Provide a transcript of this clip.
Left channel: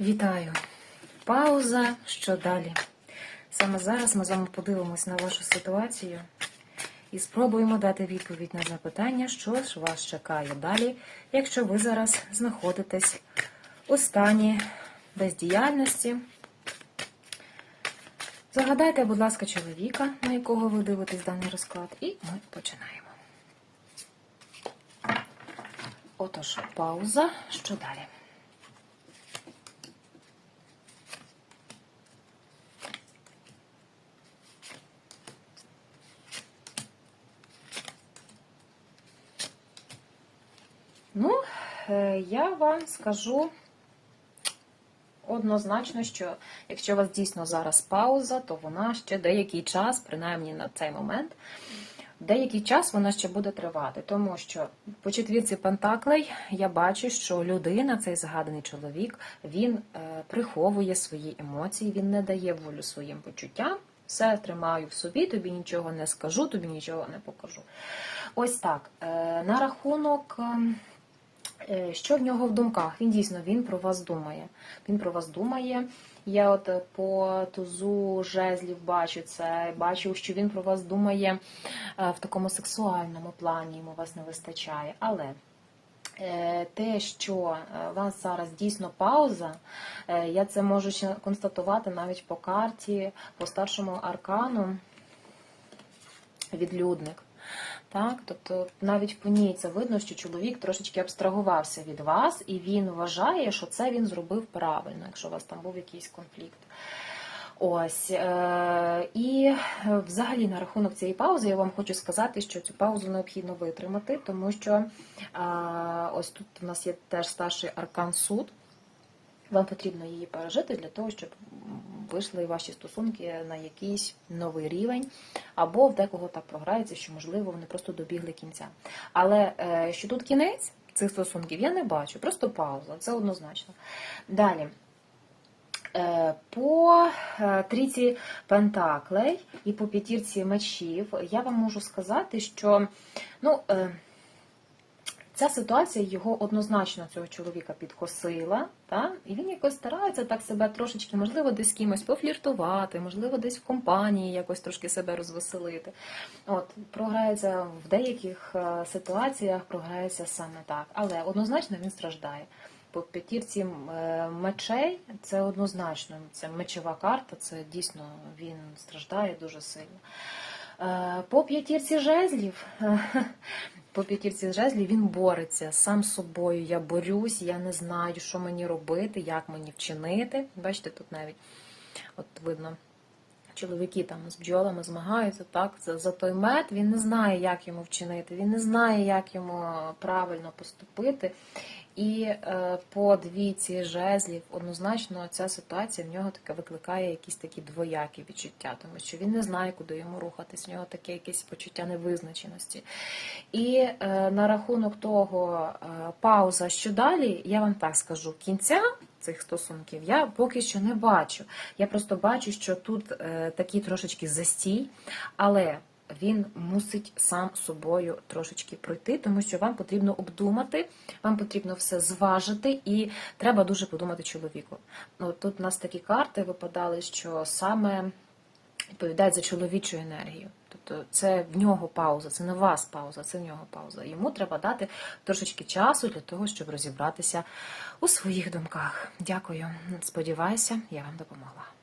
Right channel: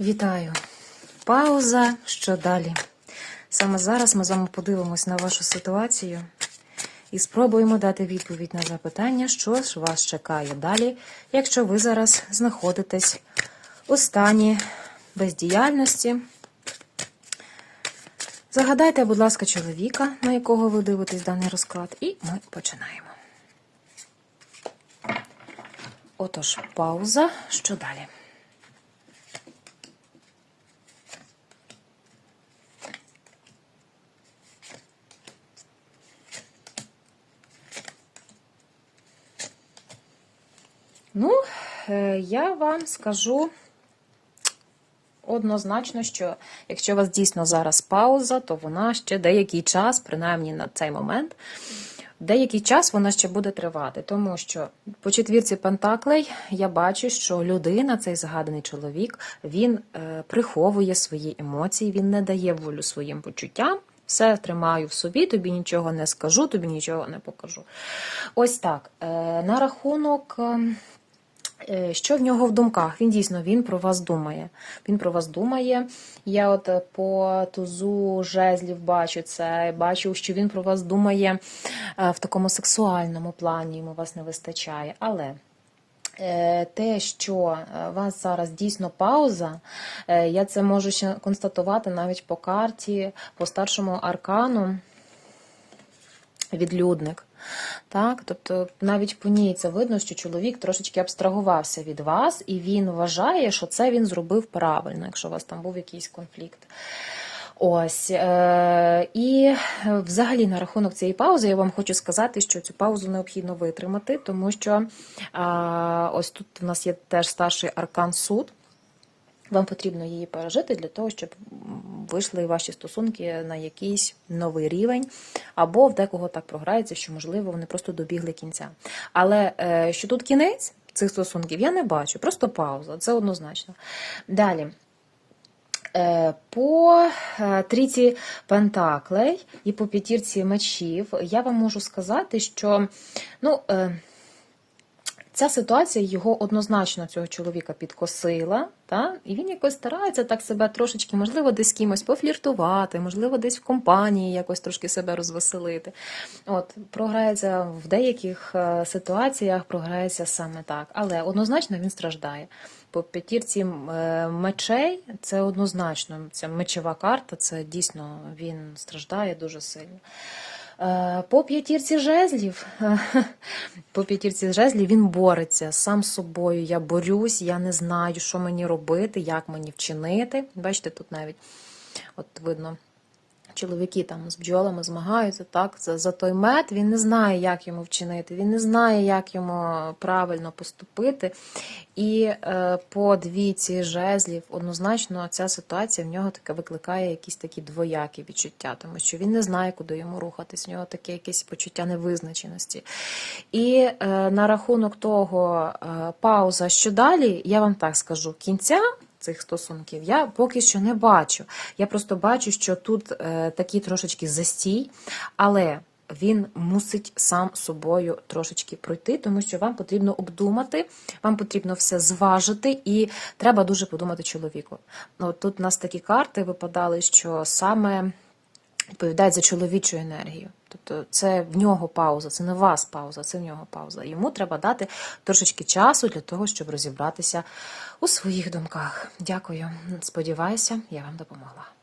Вітаю! Пауза. Що далі? Саме зараз ми з вами подивимось на вашу ситуацію і спробуємо дати відповідь на запитання, що ж вас чекає далі, якщо ви зараз знаходитесь у стані бездіяльності. Загадайте, будь ласка, чоловіка, на якого ви дивитесь даний розклад, і ми починаємо. Отож, пауза. Що далі? Ну, е, я вам скажу однозначно, що якщо у вас дійсно зараз пауза, то вона ще деякий час, принаймні на цей момент, деякий час вона ще буде тривати. Тому що по четвірці Пентаклей я бачу, що людина, цей згаданий чоловік, він е, приховує свої емоції, він не дає волю своїм почуттям. Все тримаю в собі, тобі нічого не скажу, тобі нічого не покажу. Ось так. Е, На рахунок. Е, Що в нього в думках? Він дійсно він про вас думає. Він про вас думає. Я от е, по тузу жезлів бачу це. Бачу, що він про вас думає е, в такому сексуальному плані, йому вас не вистачає. Але те, що у вас зараз дійсно пауза, я це можу ще констатувати навіть по карті, по старшому аркану відлюдник. Так, тобто навіть по ній це видно, що чоловік трошечки абстрагувався від вас, і він вважає, що це він зробив правильно, якщо у вас там був якийсь конфлікт. Ось е, і взагалі на рахунок цієї паузи я вам хочу сказати, що цю паузу необхідно витримати, тому що ось тут у нас є теж старший аркан суд. Вам потрібно її пережити для того, щоб вийшли ваші стосунки на якийсь новий рівень, або в декого так програється, що, можливо, вони просто добігли кінця. Але е, що тут кінець цих стосунків, я не бачу, просто пауза, це однозначно. Далі. Е, По е, трійці пентаклей і по п'ятірці мечів я вам можу сказати, що ну, ця ситуація його однозначно цього чоловіка підкосила, та? і він якось старається так себе трошечки, можливо, десь кимось пофліртувати, можливо, десь в компанії якось трошки себе розвеселити. От, Програється в деяких е, ситуаціях, програється саме так, але однозначно він страждає. По п'ятірці е, мечей це однозначно. Ця мечова карта, це дійсно він страждає дуже сильно. Е, По п'ятірці жезлів, по п'ятірці жезлів він бореться сам з собою. Я борюсь, я не знаю, що мені робити, як мені вчинити. Бачите, тут навіть от видно. Чоловіки там з бджолами змагаються так за, за той мед. Він не знає, як йому вчинити, він не знає, як йому правильно поступити. І е, по двійці жезлів однозначно ця ситуація в нього таке викликає якісь такі двоякі відчуття, тому що він не знає, куди йому рухатись. В нього таке якесь почуття невизначеності. І е, на рахунок того е, пауза, що далі, я вам так скажу, кінця. Цих стосунків я поки що не бачу. Я просто бачу, що тут е, такий трошечки застій, але він мусить сам собою трошечки пройти, тому що вам потрібно обдумати, вам потрібно все зважити, і треба дуже подумати чоловіку. От тут у нас такі карти випадали, що саме відповідають за чоловічу енергію. Тобто це в нього пауза, це не вас пауза, це в нього пауза. Йому треба дати трошечки часу для того, щоб розібратися у своїх думках. Дякую. Сподіваюся, я вам допомогла.